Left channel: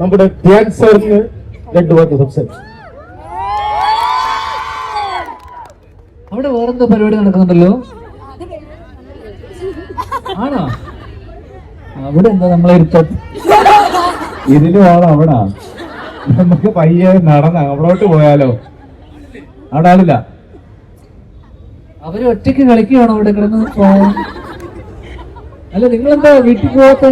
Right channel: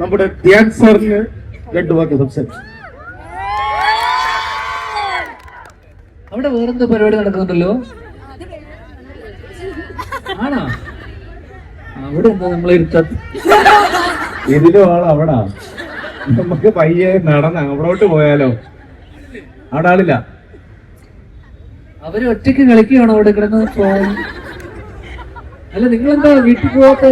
നമ്മുടെ ധ്യാൻ സാറിന് രണ്ടു വാക്ക് സംസാരിച്ചു. അവിടെ വേറെന്താ പരിപാടി നടക്കുന്നുണ്ടല്ലോ? ആണോ? അവിടെ എന്താ നമ്മളെ ഇരുത്തത് ഇതിലും ആണോ അവിടെ. നമുക്ക് പയ്യെ നടന്ന അവിടോട്ട് പോയാലോ? അവിടെ ആളില്ല. അവർ ഒറ്റയ്ക്ക് കളിക്കുകയാണോ അവിടെ കിടന്ന്? അല്ല നിങ്ങളെന്താ വീട്ടിൽ പോവാത്ത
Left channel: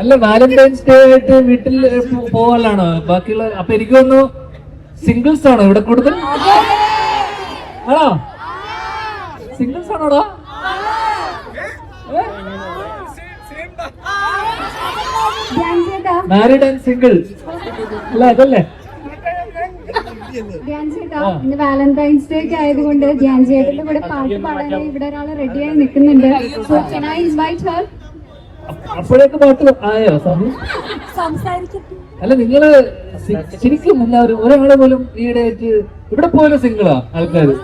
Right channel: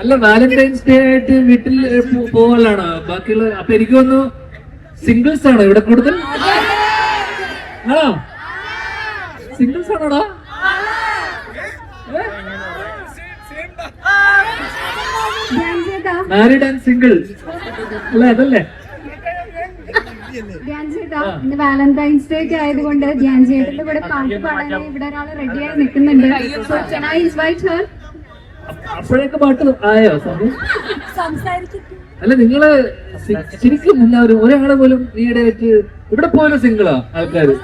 അല്ല വാലന്റൈൻസ് ഡേ ആയിട്ട് വീട്ടിൽ പോകലാണോ ബാക്കിയുള്ള അപ്പൊ എനിക്ക് തോന്നുന്നു സിംഗിൾസ് ആണോ ഇവിടെ കൂടുതൽ? ആണോ? സിംഗിൾസ് ആണോടാ? മാരിഡ് ആൻഡ് സിംഗിൾ അല്ല അതല്ലേ? ഇന്ന് വാലന്റൈൻസ് ഡേ ഒക്കെ ആയതുകൊണ്ട് ധ്യാൻ ചേട്ടന്റെ കൂടെ പാട്ട് പാടാനായി ഇവിടെ ഒരാൾ റെഡിയായി നിൽക്കുന്നുണ്ട്. So can invite her? അപ്പോഴേക്ക് പാട്ട് ആയോ സ്വാമി? അല്ല നിങ്ങൾ ശരിക്കും എല്ലാവരും ഒരാളെ പോലും ഈയിടെ വെച്ച് ഇവിടെ പോലും സിംഗിളാ ആൾക്കാര്.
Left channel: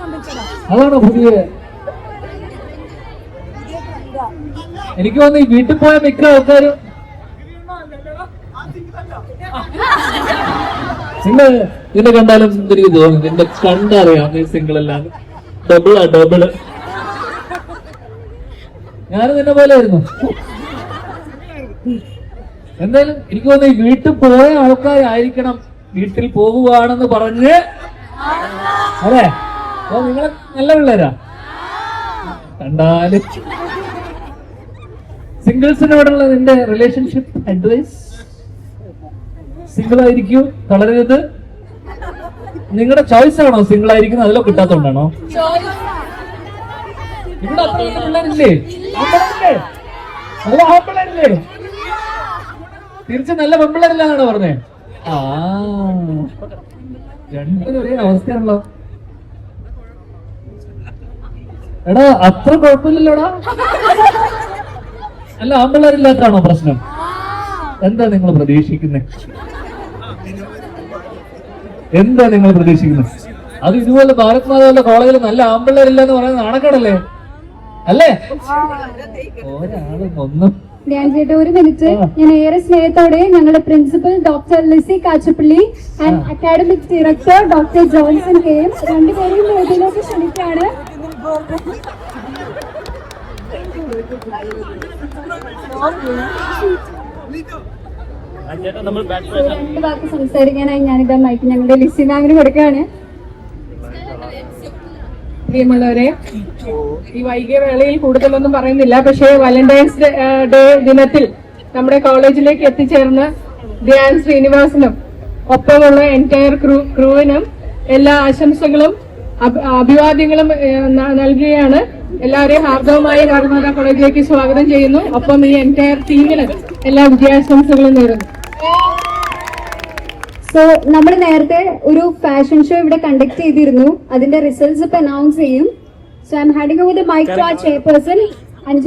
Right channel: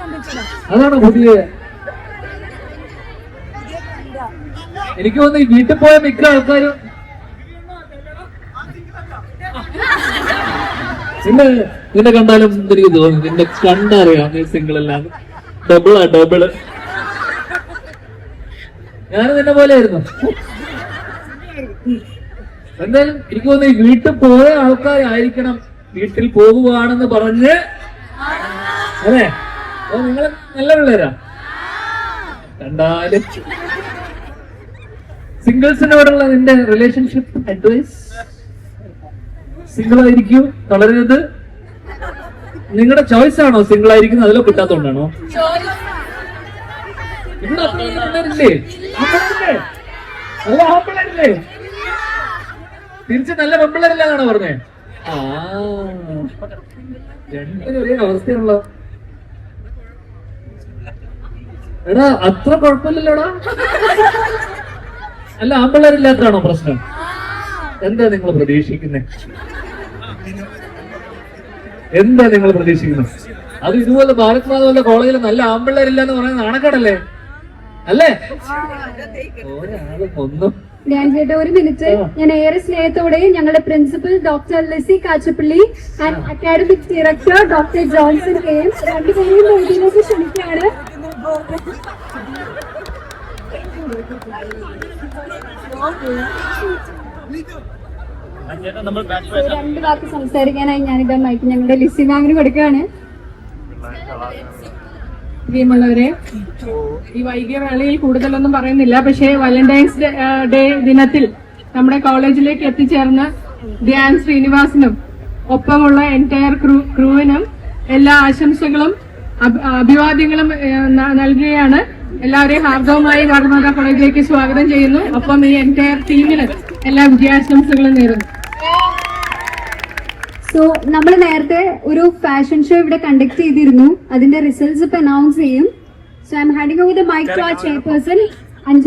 അതാണ് പുതിയ എനിക്ക് തോന്നുന്നു ഈ വീട്ടിൽ പോയ മിക്ക ആൾക്കാരും നിന്നെ നിന്നെ കണ്ടാലും എനിക്ക് തോന്നുന്നു നിന്റെ കണ്ടറിയാം നീ സിംഗിൾ ഡബിൾ ഡബിളാ ഡബിൾ ഞാനും നിന്നെ പോലെ ആയിരുന്നു എന്തായാലും എനിക്ക് തോന്നുന്നു ഈ വീട്ടിൽ പോയ ആൾക്കാരായിരിക്കണം വീട്ടിൽ പോകുവാണെന്ന് പറഞ്ഞ്. അതെ അപ്പൊ നിങ്ങൾ നല്ല പിള്ളേരാ? കണ്ടാലും. സിംഗിൾസിനോടുള്ള നിന്റെ റിലേഷൻഷിപ്പ് അഡ്വൈസ് സിംഗിൾ ആയിരിക്കൂ തളരരുത്. നിങ്ങളുടെ ചോയ്സ് ആണോ സിംഗിൾ ആയിരിക്കുന്നത്? അതിലോ കിട്ടാത്തോണ്ടാണോ ഇവിടെ അത്രയും പിള്ളേരില്ലേ? നല്ല ആമ്പിള്ളേരില്ലേ തിരിച്ച് നല്ല പെമ്പിള്ളേരില്ലാന്നാണ് പറഞ്ഞേ? ആ. രണ്ടിനും ഒരേ അവസ്ഥയാണല്ലോ. എടാ അത്ര കുഴപ്പമില്ലല്ലോടാ? അല്ല ആമ്പിള്ളേരില്ലാത്താണോ പ്രശ്നം? എന്താ നിങ്ങൾ പ്രതീക്ഷിക്കുന്നത് എന്താ നിങ്ങൾ പ്രതീക്ഷിക്കുന്നത് അത് ഇതുപോലെ ഭാരത് മാതാവിന്റെ കോളേജിൽ നല്ല ആമ്പിള്ളേരില്ല എന്ന് പറയുന്നത് നാണക്കേടല്ലേ? അല്ലേ? ഒരാളും ഒന്നും ധ്യാൻ ചേട്ടാ ഒരു മിനിറ്റ്. ഞാൻ ഏറെ സ്നേഹത്തോടെ ഞങ്ങളുടെ principal doctor Lissy Kachappilly and academic director doctor Johnson K M രണ്ടുപേരെയും വേദിയിലേക്ക് ക്ഷണിക്കുകയാണ് രണ്ട് വാക്ക് സംസാരിക്കാനായി ഞാനിത് മൈക്ക് ഞങ്ങളുടെ ലിസി മാമിന് കൊടുക്കുകയാണ്. പ്രിയമുള്ളവരെ ഈ വൈകിയ വേളയിൽ കൂടുതലൊന്നും പറയുന്നില്ല. പക്ഷേ വാലന്റൈൻസ് ഡേ- ദിനത്തിൽ നമ്മുടെ കോളേജിലേക്ക് എത്തിച്ചേർന്ന ധ്യാൻ ശ്രീനിവാസനും ഒപ്പമുള്ള എന്റയർ ക്രൂ ക്രൂവിനും എല്ലാ ആശംസകളും അഭി- അഭിവാദ്യങ്ങളും നൽകുകയാണ്. എല്ലാവരെയും ഹാർദവമായി ഭാരതമാതാ കോളേജിലേക്ക് സ്വാഗതം ചെയ്യുന്നു. ഒപ്പം ഈ എന്റയർ ടീമിന് എല്ലാ വിജയാശംസകളും നേരുന്നു. സോ നമ്മൾ നേരത്തെ ഒരു ഫാഷൻ ഷോ ഇവിടെ കണ്ടക്ട് ചെയ്തിരുന്നു. അതിന്റെ റിസൾട്ട്സ് ഇപ്പൊ അനൗൺസ് ചെയ്യും. So I'm handing with mic chairperson Anju